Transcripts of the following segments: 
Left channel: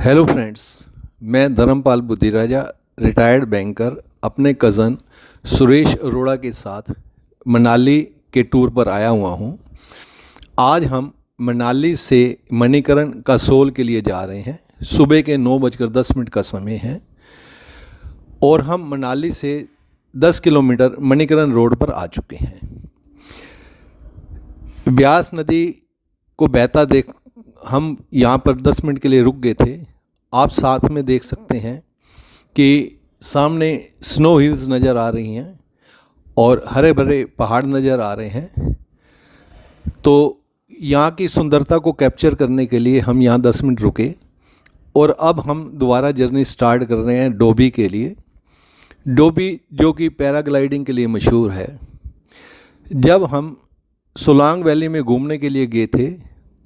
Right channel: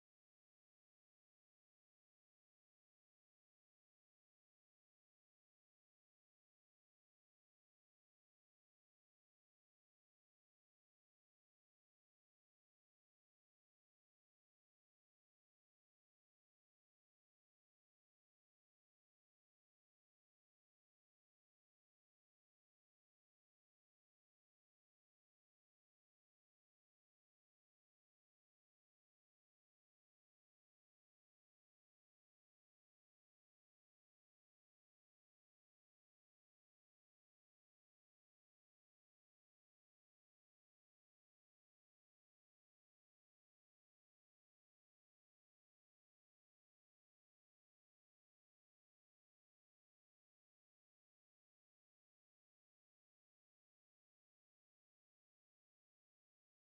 Hello friends. मैं Dharmpal Buddhiraja, retired banker, अपने cousin Suresh Arora के साथ मनाली के टूर पर आया हुआ हूँ। आज हम मनाली से मणिकरण कसोल के लिए जा रहे हैं। सुबह के 9:10 का समय है और हम मनाली से 10 किलोमीटर मणिकरण रोड पर आ चुके हैं। ब्यास नदी को बहता देख हम यहाँ पर 10 मिनट के लिए रुक गए थे। आप साथ में देख सकते हैं कि सामने स्नो हिल्स नज़र आ रही हैं और हरे भरे पहाड़ नज़र आ रहे हैं। तो यहाँ की सुंदरता को कैप्चर करने के लिए हम यहाँ 10 मिनट रुके और अब हम दोबारा जर्नी स्टार्ट कर रहे हैं डोभी के लिए। डोभी जो कि पैराग्लाइडिंग के लिए मशहूर है। जब हम सोलांग वैली में घूमने के लिए गए थे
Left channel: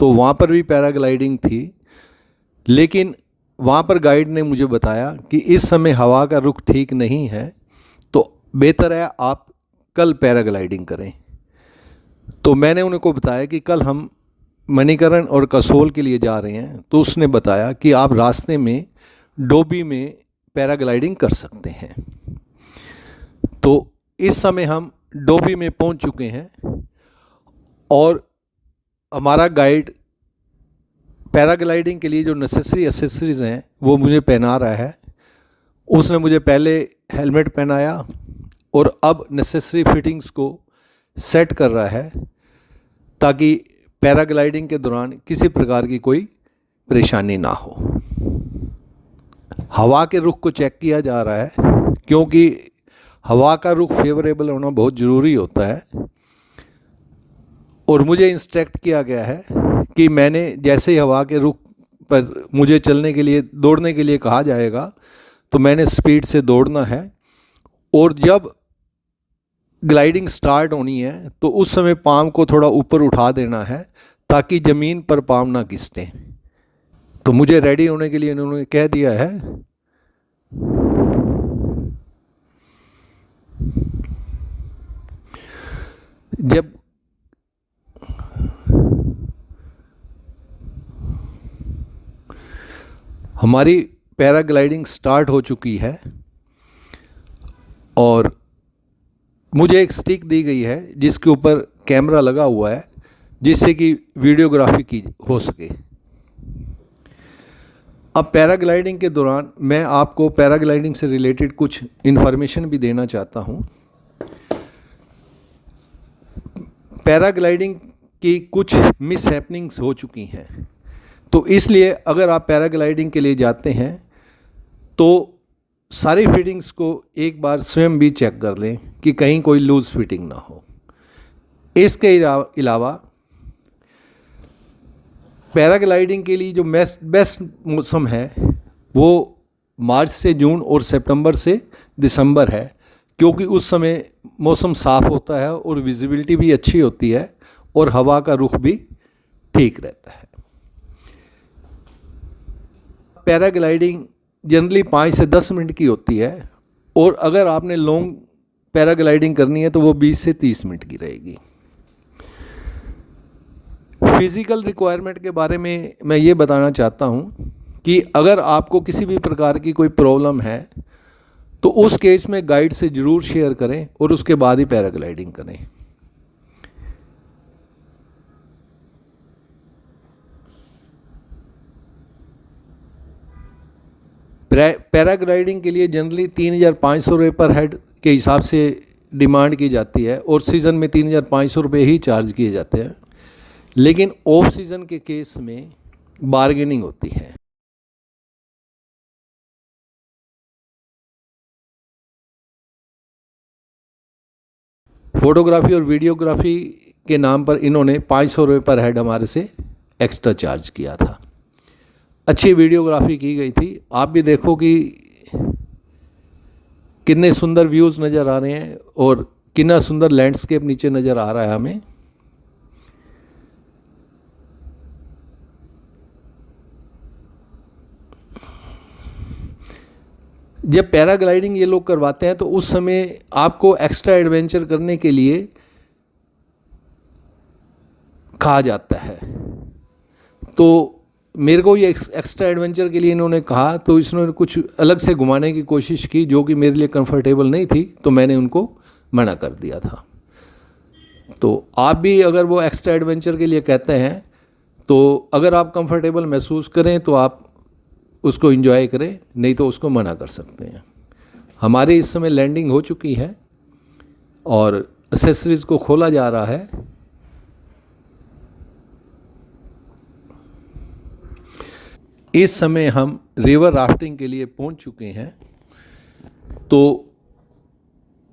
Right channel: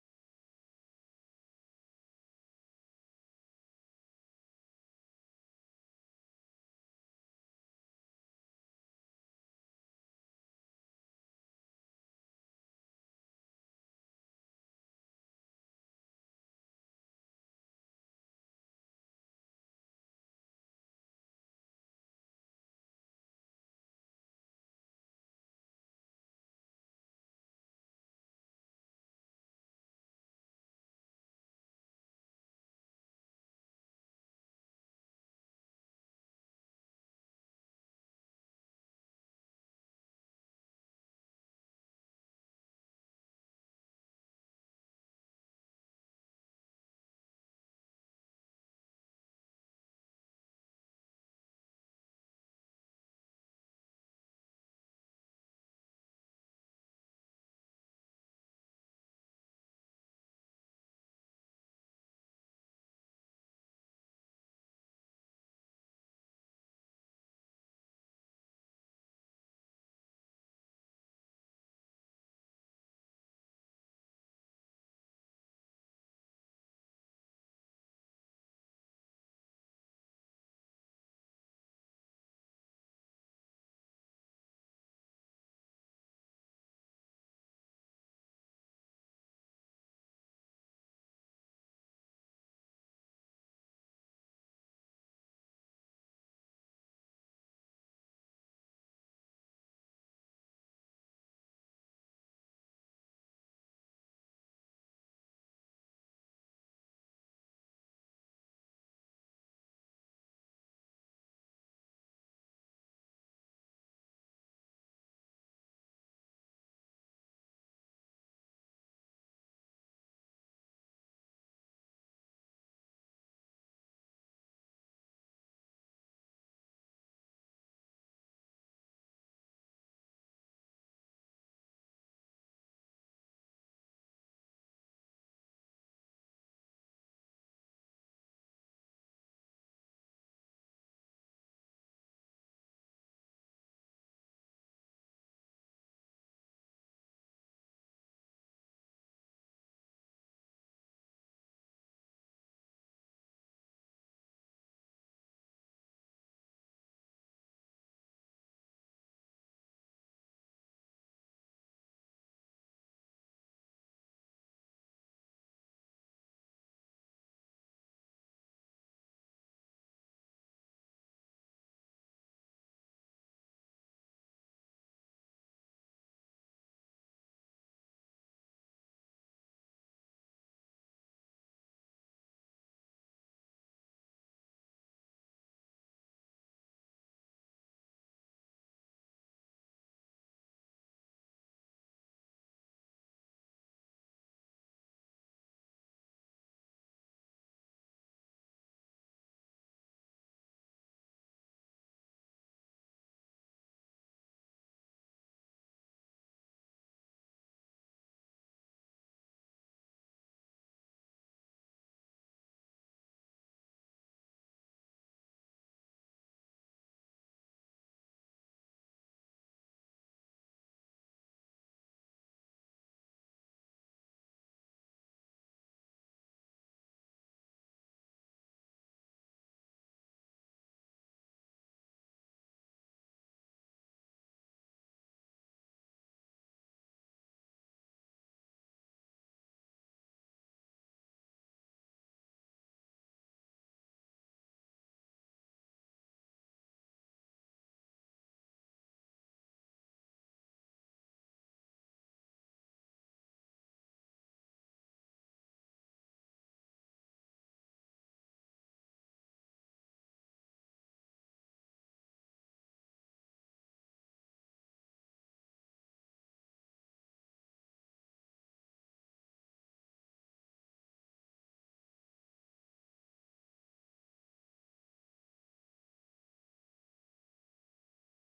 तो वहाँ पर भी पैराग्लाइडिंग थी, लेकिन वहाँ पर गाइड ने मुझे बताया कि इस समय हवा का रुख ठीक नहीं है, तो बेहतर है आप कल पैराग्लाइडिंग करें। तो मैंने उनको बताया कि कल हम मणिकरण और कसोल के लिए जा रहे हैं, तो उसने बताया कि आप रास्ते में डोभी में पैराग्लाइडिंग कर सकते हैं। तो इस समय हम डोभी में पहुंच चुके हैं और हमारा गाइड पैराग्लाइडिंग के लिए जो नेसेसरी एसेसरीज़ हैं वो मुझे पहना रहा है। उसने मुझे पहले हेलमेट पहनाया और अब नेसेसरी फिटिंग्स को सेट कर रहा है ताकि पैराग्लाइडिंग के दौरान किसी प्रकार की कोई परेशानी ना हो। हवा के रुख को चेक किया जा रहा है क्योंकि हवा का रुख फेवरेबल होना बहुत ज़रूरी होता है। और मुझे इंस्ट्रक्ट किया गया है कि मैंने जैसे ही हवा के रुख पर मुझे चलने के लिए, दौड़ने के लिए कहा जाएगा तो मैंने स्पीड से दौड़ना है। और जब ग्लाइडिंग स्टार्ट होनी है तो उस समय पाँव को थोड़ा ऊपर उठा देना है ताकि ज़मीन पर पाँव ना घिसटें। तो मुझे रेडी होने के लिए इन्होंने कह दिया है। जब हमारी पैराग्लाइडिंग स्टार्ट हो चुकी है और मुझे एक स्टिक दी गई है जिसके ऊपर कैमरा लगा हुआ है जिससे कि वीडियोग्राफी की हो सके। अब पैराग्लाइडिंग के दौरान मैं आपको पैराग्लाइडिंग से रिलेटेड कुछ इन्फॉर्मेशन भी देना चाहता हूँ। पैराग्लाइडिंग की कुछ मिस हैपनिंग्स हो चुकी हैं, तो इसलिए अगर आप पैराग्लाइडिंग के लिए जाते हैं तो सारी फिटिंग्स को एक बार स्वयं भी चेक कर लें कि कहीं कोई लूज़ फिटिंग ना हो। इसके अलावा पैराग्लाइडिंग के लिए जो बेस्ट मौसम है वो मार्च से जून और सितंबर से दिसंबर है, क्योंकि उस समय मौसम साफ़ होता है और विजिबिलिटी भी अच्छी होती है और हवा का रुख भी ठीक रहता है। पैराग्लाइडिंग जनरली 5 से 10 मिनट की होती है और अगर आपने लॉन्ग पैराग्लाइडिंग करनी है तो वो 20 से 30 मिनट की रहेगी। फिज़िकल रिक्वायरमेंट के बारे में मैं ये बताना चाहता हूँ कि अगर आपको किसी भी प्रकार की कोई प्रॉब्लम है तो उस केस में गाइड से ज़रूर शेयर करें और उसके बाद ही पैराग्लाइडिंग करें। पैराग्लाइडिंग के लिए जनरली 3,500 रुपये पर हेड के हिसाब से डिमांड की जाती है और सीज़न में 3,500 रुपये ही चार्ज किए जाते हैं, लेकिन ऑफ सीज़न के केस में बार्गेनिंग होती है। फोटोग्राफी और वीडियोग्राफी के नाम पर इन्होंने 500 रुपये पर हेड हमारे से एक्स्ट्रा चार्ज किया था। अच्छी वीडियोग्राफी की गई थी। आप भी देखो कि कितने सुंदर व्यूज़ नज़र आ रहे हैं और कितना सुंदर लैंडस्केप नीचे नज़र आ रहा है हमें। जब पैराग्लाइडिंग ये लोग करवाते हैं तो उस समय आपको एक्स्ट्रा एडवेंचर करने के लिए कहा जाता है। तो मेरे को ये एक्स्ट्रा एडवेंचर के लिए इन्होंने कहा, तो इसने कुछ अलग से घुमाने की कोशिश की जो कि मेरे लिए कंफर्टेबल नहीं थी, तो मैंने उनको मना कर दिया था। तो आप भी अगर वो एक्स्ट्रा एडवेंचर के लिए कहते हैं, तो अगर आप कंफर्टेबल महसूस करें तो आप उसको एंजॉय करें, नहीं तो उसको मना कर सकते हैं। हमारी इस समय लैंडिंग हो चुकी है और एक्सेसरीज़ को खोला जा रहा है। इस समय हम रिवर राफ्टिंग के लिए पहुंच चुके हैं। तो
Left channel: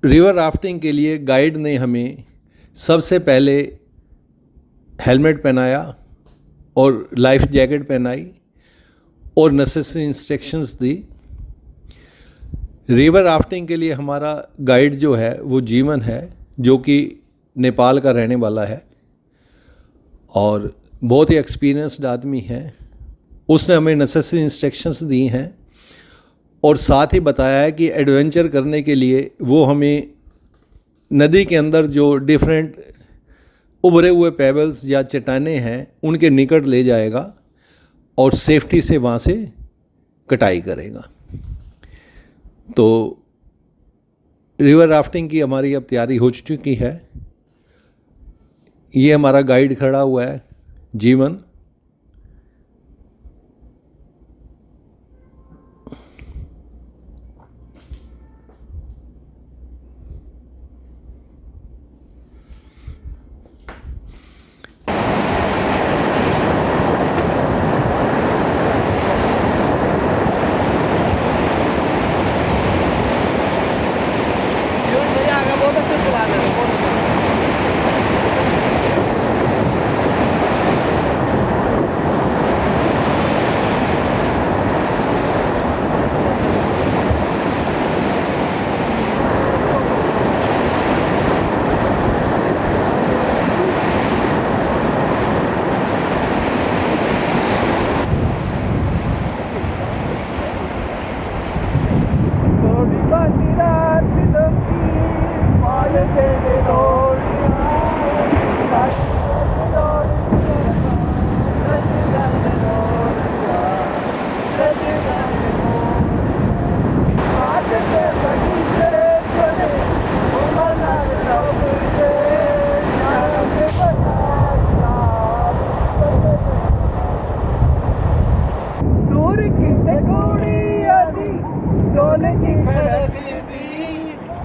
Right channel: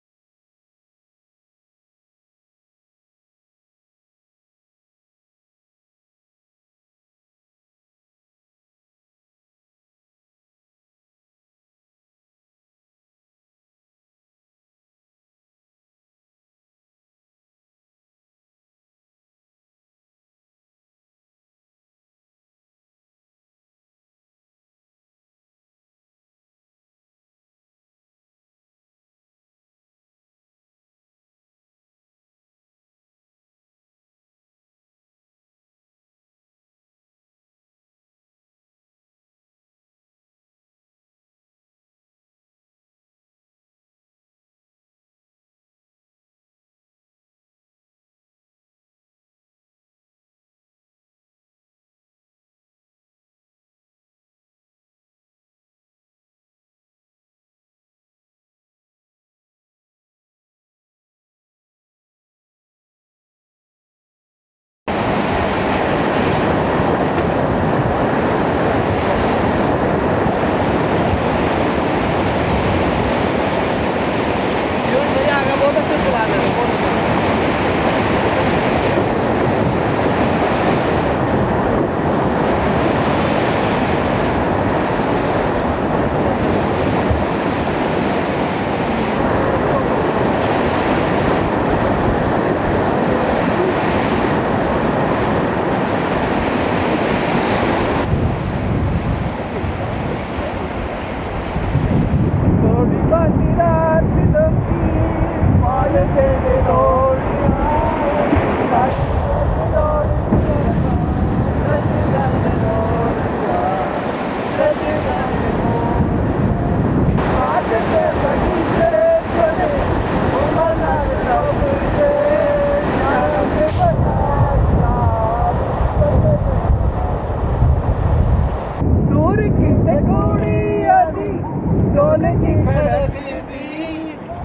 रिवर राफ्टिंग के लिए गाइड ने हमें सबसे पहले हेलमेट पहनाया और लाइफ जैकेट पहनाई और नेसेसरी इंस्ट्रक्शंस दी। रिवर राफ्टिंग के लिए हमारा गाइड जो है वो जीवन है, जो कि नेपाल का रहने वाला है और बहुत ही एक्सपीरियंस्ड आदमी है। उसने हमें नेसेसरी इंस्ट्रक्शंस दी हैं और साथ ही बताया है कि एडवेंचर करने के लिए वो हमें नदी के अंदर जो डिफरेंट उभरे हुए पेबल्स या चट्टानें हैं उनके निकट ले जाएगा और सेफ्टी से वहाँ से कटाई करेगा। तो रिवर राफ्टिंग की हमारी अब तैयारी हो चुकी है। ये हमारा गाइड खड़ा हुआ है, जीवन।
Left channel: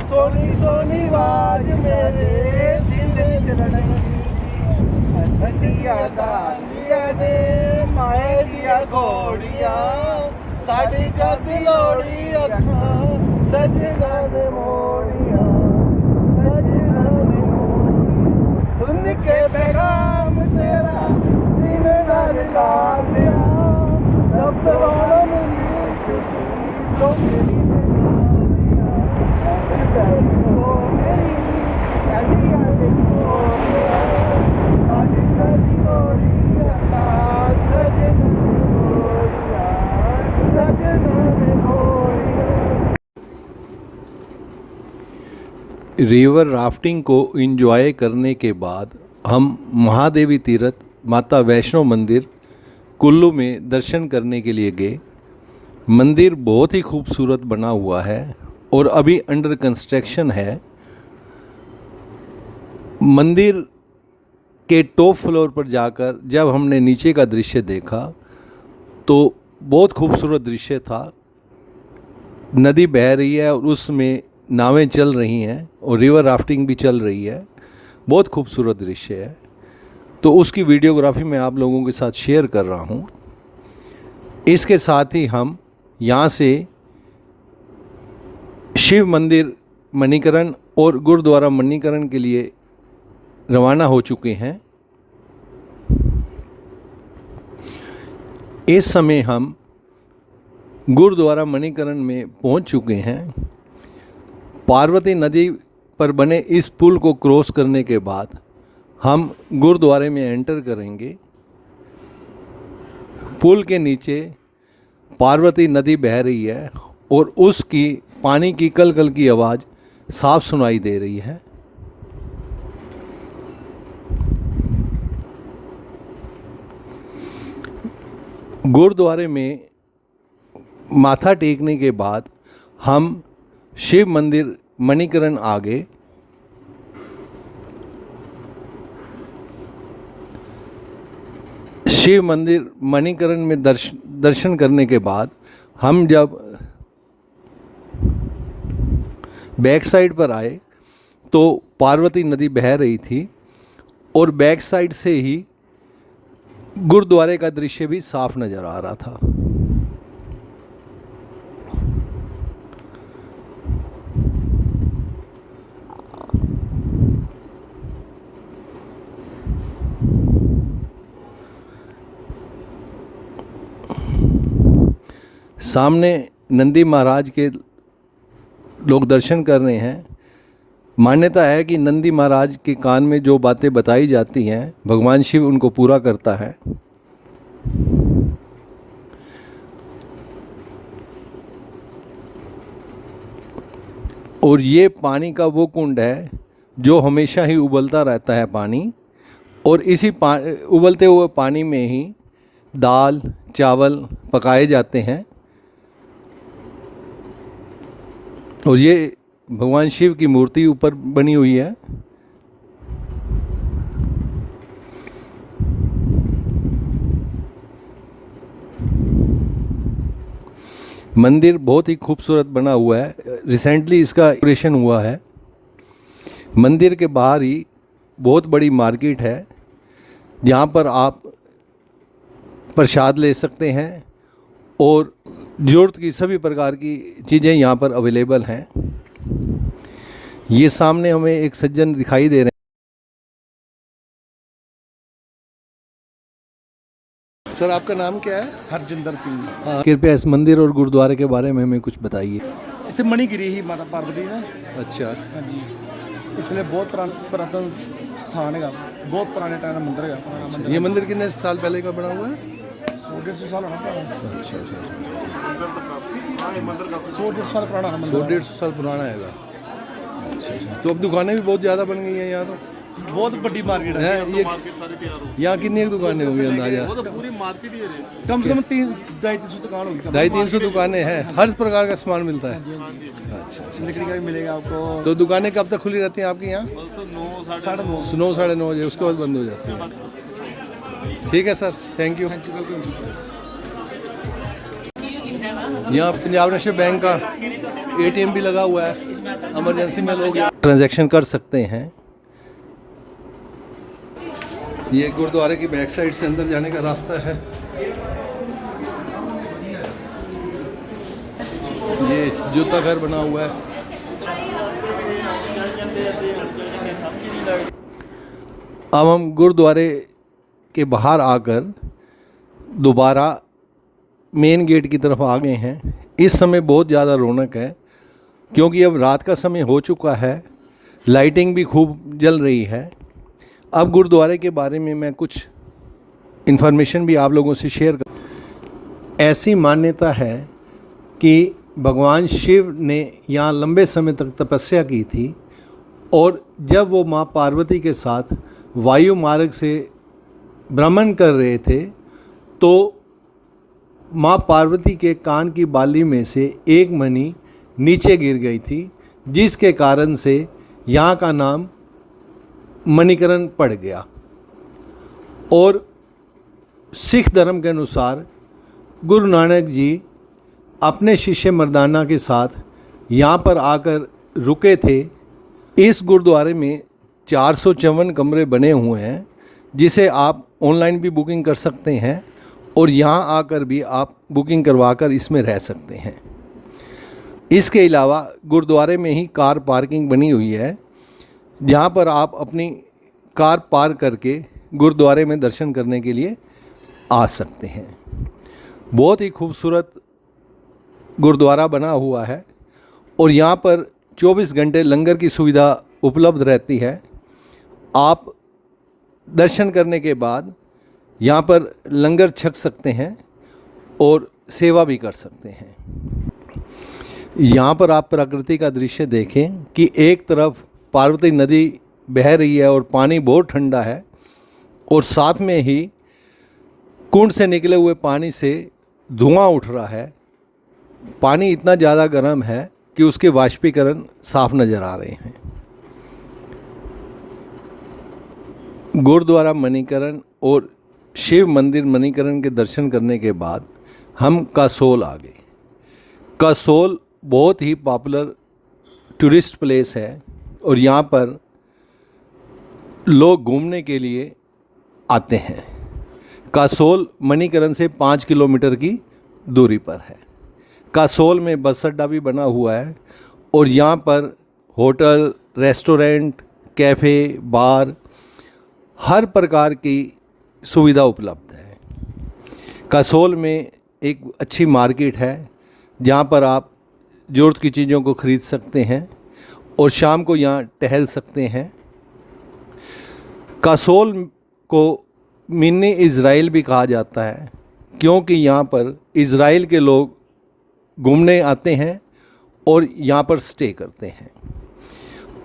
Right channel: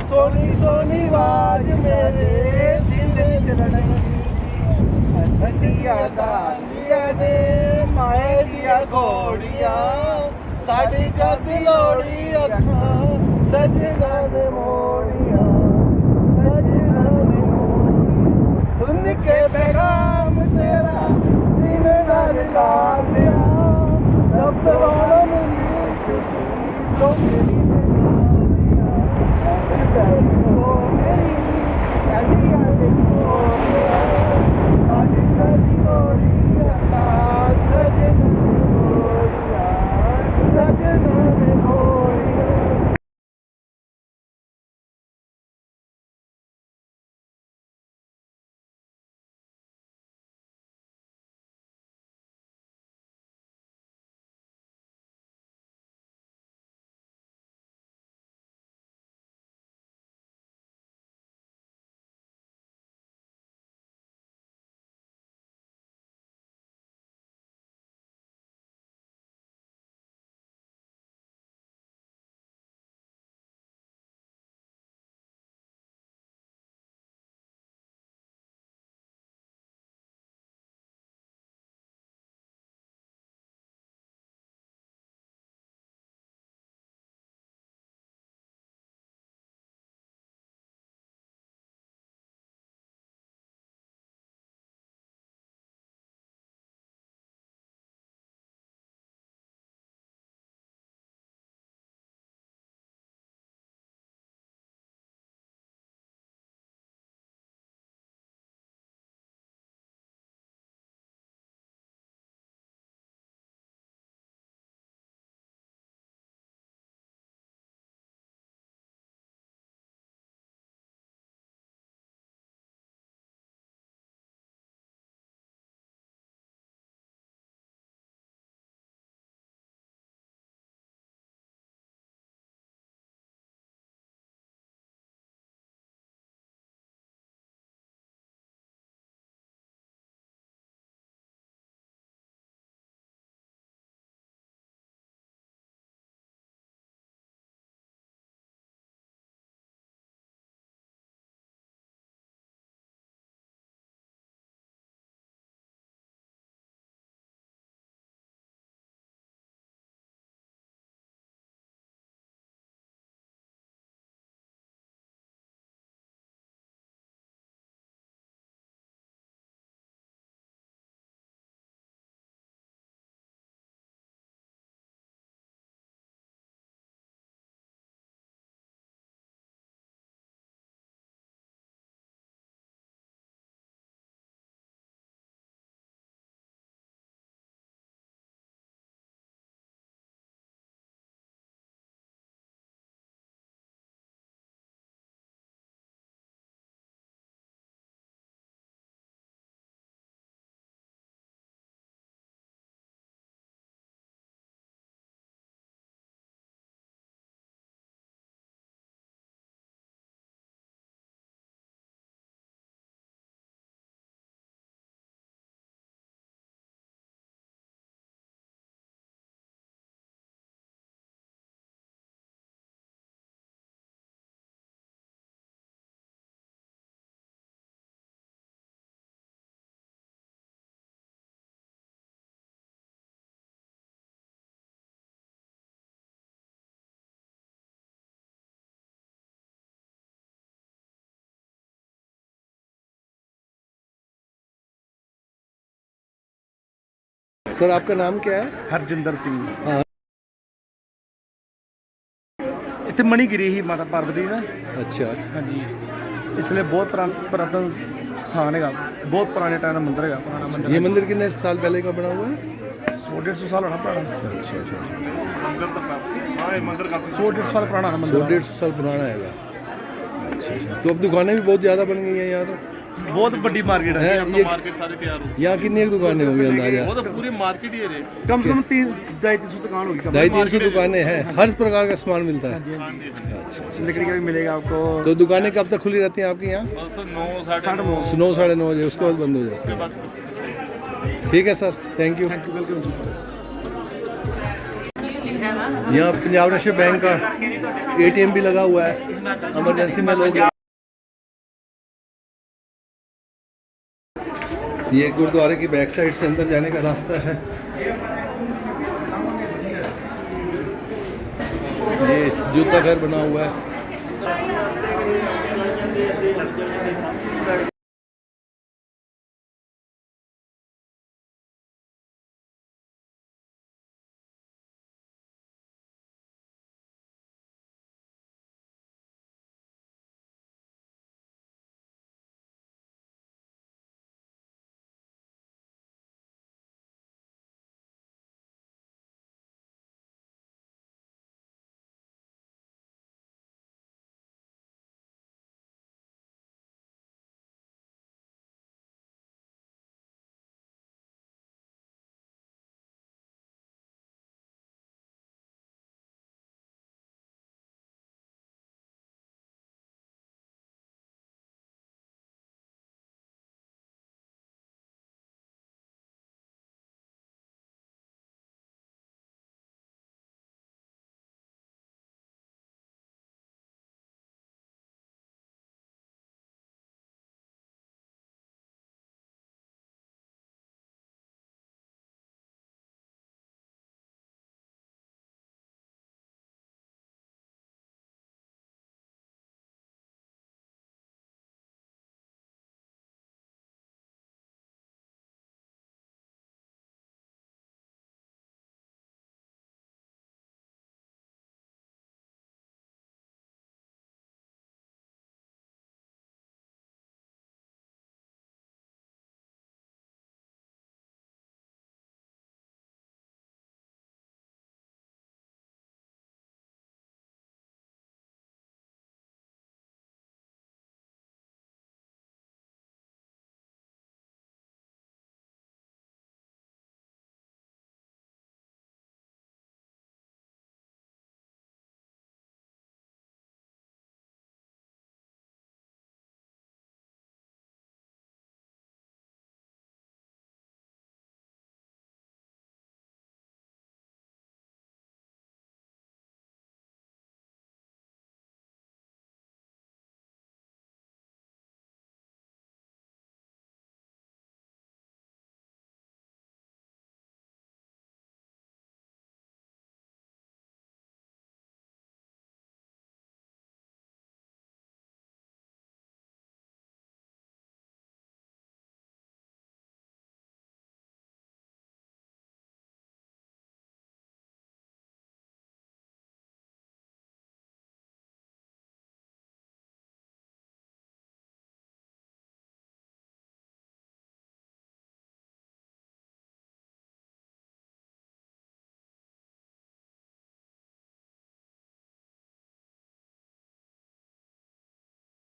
सोनी सोनी आवाज मेरे जिंदगी चलने ससिया गालिया ने माए दिया घोड़िया साड़ी जाती लोड़ी अखा सजना ने मोड़िया सजना ने मोड़िया सुन के पैगाम तेरा सीने नाल डाल दिया जब वालों में तो मेरी रिवर राफ्टिंग को एंजॉय करने के बाद हम महादेवी तीर्थ माता वैष्णो मंदिर कुल्लू में दर्शन करने के लिए गए। मंदिर बहुत ही खूबसूरत बना हुआ है और अभी अंडर कंस्ट्रक्शन है। मंदिर के टॉप फ्लोर पर जाकर जब हमने नीचे का दृश्य देखा तो बहुत खूबसूरत दृश्य था। नदी बह रही है और उसमें नावें चल रही हैं और रिवर राफ्टिंग भी चल रही है। बहुत खूबसूरत दृश्य है। तो उसकी वीडियोग्राफी मैं आप लोगों के साथ शेयर कर रहा हूँ। इसके साथ ही हम यहाँ से शिव मंदिर मणिकरण और गुरुद्वारा मणिकरण के लिए रवाना हो चुके हैं। इस समय हम गुरुद्वारा मणिकरण में पहुँच चुके हैं। पार्वती नदी पर बने इस पुल को क्रॉस करने के बाद हम गुरुद्वारे में एंटर करेंगे। पुल के नीचे पार्वती नदी बह रही है और उसकी पानी की कल कल की आवाज़ साफ सुनाई दे रही है। गुरुद्वारे में माथा टेकने के बाद हम शिव मंदिर मणिकरण आ गए। शिव मंदिर मणिकरण में दर्शन करने के बाद हम जब बैक साइड पर आए तो पार्वती नदी बह रही थी और बैक साइड से ही गुरुद्वारे का दृश्य भी साफ नज़र आ रहा था। सामने नंदी महाराज के लोग दर्शन कर रहे हैं। मान्यता है कि नंदी महाराज के कान में जो बातें बताई जाती हैं भगवान शिव उनको पूरा करता है। और ये पानी का वो कुंड है जो हमेशा ही उबलता रहता है पानी, और इसी उबलते हुए पानी में ही दाल चावल पकाए जाते हैं। और ये भगवान शिव की मूर्ति ऊपर बनी हुई है। मंदिर बहुत ही खूबसूरत बना हुआ है। रिसेंटली इसका डेकोरेशन हुआ है। मंदिर के बाहर ही बहुत बड़ी मार्केट है जहाँ पर आप प्रसाद ले सकते हैं और ज़रूरत की सभी प्रकार की चीज़ें यहाँ पर अवेलेबल हैं। ये सामने हमें एक सज्जन दिखाई दे रहे हैं। सर आपका नाम क्या है? हरजिंदर सिंह। हाँ, कृपया इस मंदिर और गुरुद्वारे के बारे में हमें कुछ बताइए। ਇੱਥੇ ਮਣੀਗਿਰੀ ਹੀ ਮਾਤਾ ਪਾਰਵਤੀ ਦਾ। अच्छा, ਹਾਂਜੀ, ਇਸ ਲਈ ਬਹੁਤ ਪੁਰਾਤਨ ਸਥਾਨ ਹੈਗਾ, ਬਹੁਤ ਪੁਰਾਣੇ ਟਾਈਮ ਦਾ ਮੰਦਿਰ ਹੈਗਾ, ਪੁਰਾਣਾ ਮੰਦਿਰ। ये मंदिर कितने साल पहले का बना हुआ है? 100-150 ਸਾਲ ਹੋਣਾ ਪੁਰਾਣਾ। अच्छा अच्छा अच्छा, 100-150 साल पुराना है मंदिर। 100-150 साल पुराना हैगा। अच्छा अच्छा, तो अब दुकानें भी बहुत ज़्यादा बन गई हैं यहाँ तो बहुत बड़ी मार्केट है। ये यहाँ कितनी एक दुकानें होंगी अंदाजा? पूरी मार्केट ही है। कम से कम 250-300 दुकान होगी। 250-300 दुकानें हैं, हर प्रकार का सामान मिलता है। अच्छा अच्छा, लकड़ी का भी मिलेगा आपको। तो दुकानें कब तक खुली रहती हैं आपकी यहाँ? 9-9:30। 9-9:30 बजे, उसके बाद बंद हो जाती है। ठीक है सर, थैंक यू। यहाँ पंजाब नेशनल बैंक का ATM भी लगा हुआ है, इमरजेंसी में लोग ट्रांजैक्शन कर सकते हैं। ये गुरुद्वारे की बैक साइड से अंदर जाने का रास्ता है। ये जूता घर बना हुआ है। अब हम गुरुद्वारे के बाहर आकर दोबारा मेन गेट की तरफ आ गए हैं। इस समय बहुत ज़्यादा रौनक है क्योंकि अब रात का समय हो चुका है, लाइटिंग भी खूब जल रही है। अब गुरुद्वारे के बारे में मैं कुछ इन्फॉर्मेशन भी आप लोगों से शेयर कर। ऐसी मान्यता है कि भगवान शिव ने यहाँ लंबे समय तक तपस्या की थी और जब वो माँ पार्वती के साथ वायु मार्ग से भ्रमण कर रहे थे तो माँ पार्वती के कान की बाली में से एक मणि नीचे गिर गई थी, जिसके कारण से यहाँ का नाम मणिकरण पड़ गया। और सिख धर्म के अनुसार गुरु नानक जी अपने शिष्य मर्दाना के साथ यहाँ पर आकर रुके थे। इस गुरुद्वारे में 454 कमरे बने हुए हैं जिसे आप ऑनलाइन भी बुकिंग कर सकते हैं और यहाँ आकर भी आप बुकिंग करवाकर इसमें रह सकते हैं। इसके अलावा गुरुद्वारे में ही कार पार्किंग बनी हुई है जहाँ पर आप अपनी कार पार्क करके गुरुद्वारे में दर्शन करने के लिए आ सकते हैं। बहुत ही खूबसूरत गुरुद्वारा बना हुआ है और यहाँ पर 24 घंटे लंगर की सुविधा उपलब्ध रहती है। आप दर्शन करने के बाद यहाँ पर लंगर छक सकते हैं और सेवा भी कर सकते हैं। यहाँ पर आप प्रकृति का दृश्य देखें कि एक तरफ पार्वती नदी बह रही है और पानी बहुत ठंडा है और साथ में ही कुंड से निकले हुए पानी से धुआं उठ रहा है। पानी इतना ज़्यादा गर्म है कि उसके वाष्पीकरण साफ नज़र आ रहे हैं। गुरुद्वारा मणिकरण और शिव मंदिर मणिकरण के दर्शन करने के बाद हम कसोल आ गए। कसोल बहुत ही पॉपुलर टूरिस्ट प्लेस है और यहाँ पर लोग घूमने के लिए आते हैं। कसोल मणिकरण से 5 किलोमीटर की दूरी पर है। कसोल में बस अड्डा भी बना हुआ है और यहाँ पर होटल, रेस्टोरेंट, कैफ़े, बार हर प्रकार की सुविधा उपलब्ध है। कसोल में एक अच्छी मार्केट है जहाँ पर आप ज़रूरत की चीज़ों को ख़रीद सकते हैं और शाम को यहाँ टहल सकते हैं। कसोल को मिनी इज़राइल भी कहा जाता है क्योंकि यहाँ पर इज़राइल के लोग घूमने आते हैं और यहाँ पर स्टे करते हैं।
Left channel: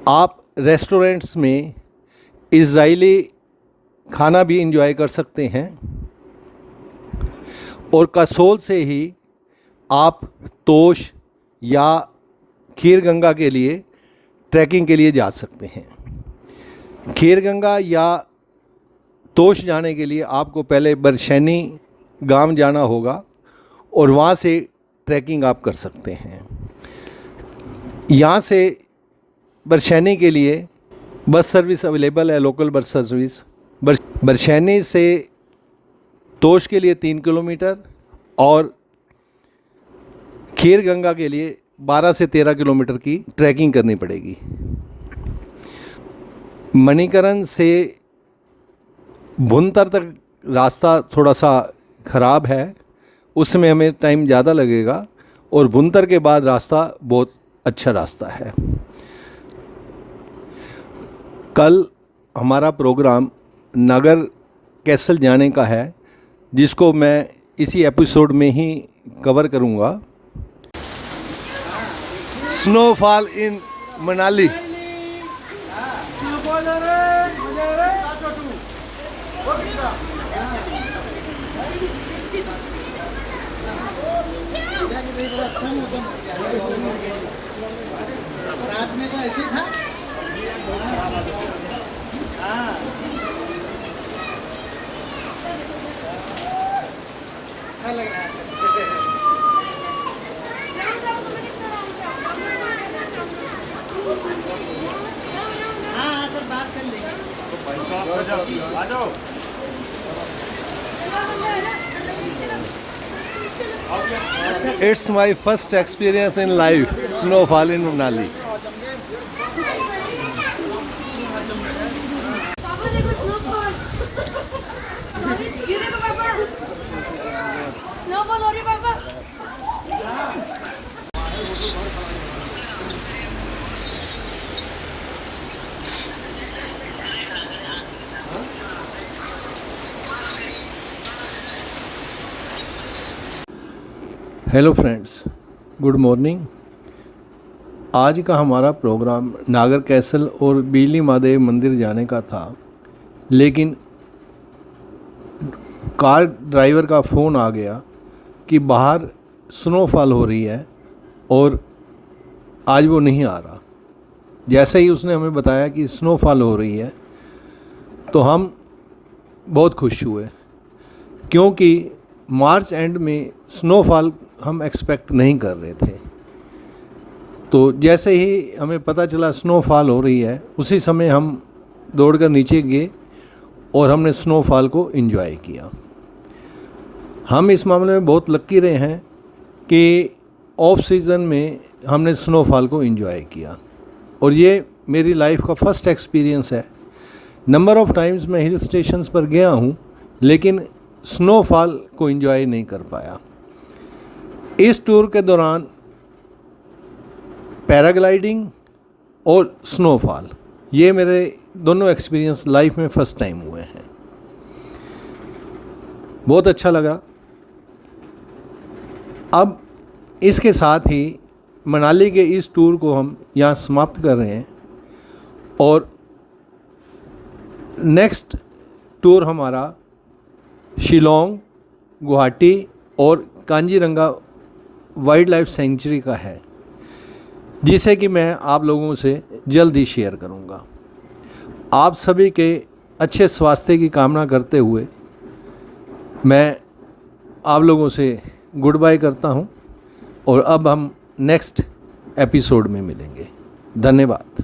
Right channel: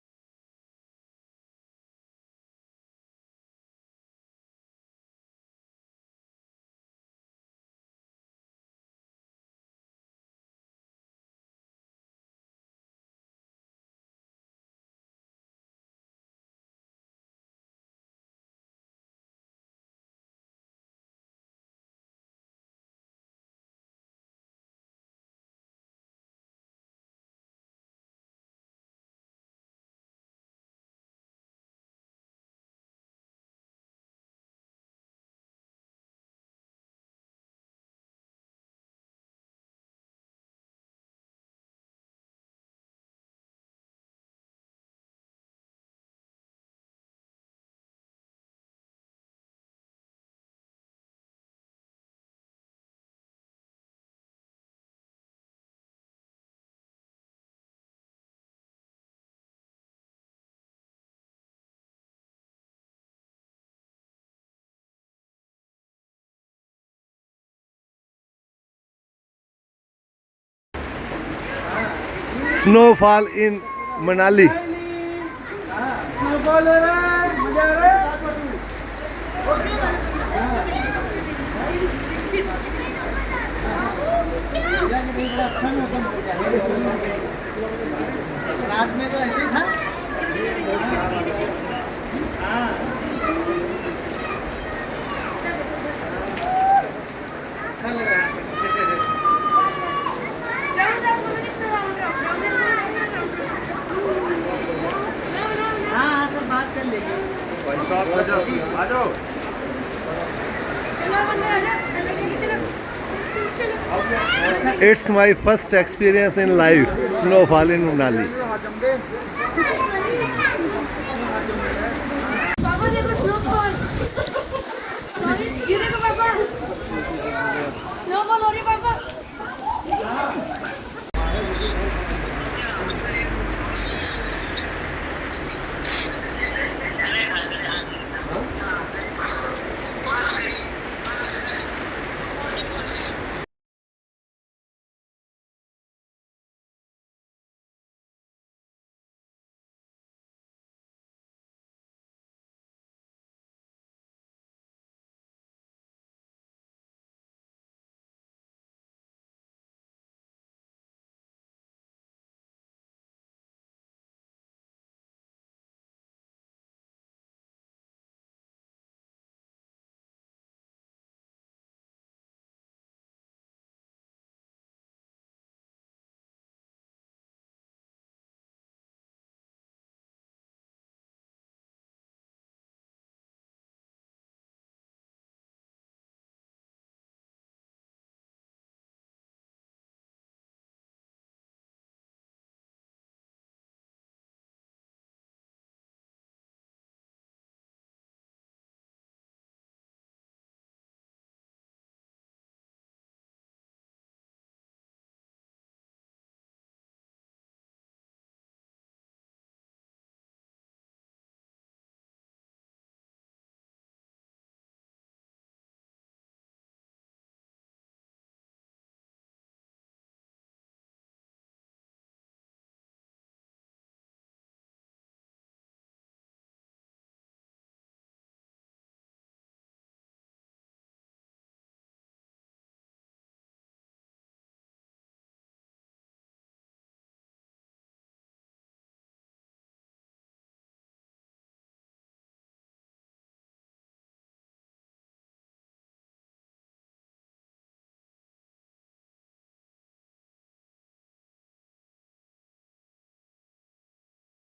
आप रेस्टोरेंट्स में इज़राइली खाना भी एंजॉय कर सकते हैं और कसोल से ही आप तोश या खीरगंगा के लिए ट्रैकिंग के लिए जा सकते हैं। खीरगंगा या तोश जाने के लिए आपको पहले बरशैनी गांव जाना होगा और वहाँ से ट्रैकिंग आप कर सकते हैं। यहाँ से बरशैनी के लिए बस सर्विस अवेलेबल है, लोकल बस सर्विस। बरशैनी से तोश के लिए 3 किलोमीटर और खीरगंगा के लिए 12 से 13 किलोमीटर की ट्रैकिंग करनी पड़ेगी। मणिकरण से भुंतर तक रास्ता थोड़ा सा ख़राब है, उसमें हमें टाइम ज़्यादा लगेगा और भुंतर के बाद रास्ता बहुत अच्छा रास्ता है। कल हमारा प्रोग्राम नागर कैसल जाने का है जिसको मैं इसी एपिसोड में ही कवर करूँगा। Snowfall in Manali. रात में तो ऐसे था। अच्छा लग रहा है। हाँ, तो बात कर लेंगे। It's my first experience in life, snowfall in Manali. बाबा देखो स्नोफॉल। ये देखो पापा, स्नोफॉल हो रही है पापा। Hello friends, good morning. आज का हमारा प्रोग्राम नागर कैसल और बिजली महादेव मंदिर जाने का था, लेकिन कार ड्राइवर का फ़ोन आ गया कि बाहर स्नोफॉल हो रही है और आज वो नहीं आ रहा। जैसे ही उसने हमें बताया कि स्नोफॉल हो रही है तो हम बहुत खुश हुए क्योंकि मार्च एंड में स्नोफॉल हम एक्सपेक्ट नहीं कर रहे थे। तो जैसे ही हमें पता चला स्नोफॉल हो रही है उसी समय हम दौड़कर नीचे गए और हमने स्नोफॉल को एंजॉय किया। हम इस मामले में बहुत लकी रहे हैं कि ऑफ सीज़न में हमने स्नोफॉल को एंजॉय किया और ये मेरी लाइफ का फर्स्ट एक्सपीरियंस है। नंबर ऑफ़ टाइम्स मैं हिल स्टेशंस पर गया हूँ लेकिन स्नोफॉल को एंजॉय नहीं कर पाया। इस टूर के दौरान पैराग्लाइडिंग और स्नोफॉल ये मेरे दोनों एक्सपीरियंस लाइफ में फ़र्स्ट टाइम हुए हैं। बहुत अच्छा लगा। अब इसके साथ ही मनाली के इस टूर को हम यहाँ समाप्त कर रहे हैं और नेक्स्ट टूर हमारा शिलोंग, गुवाहाटी और कांजीरंगा वाइल्ड लाइफ सेंचुरी का है, जिसे कि मैं आप लोगों से जल्द ही शेयर करूंगा। आप सभी के अच्छे स्वास्थ्य की कामना करते हुए मैं आप लोगों से गुड बाय करता हूं, और अब हम नेक्स्ट एपिसोड में मिलेंगे। धन्यवाद।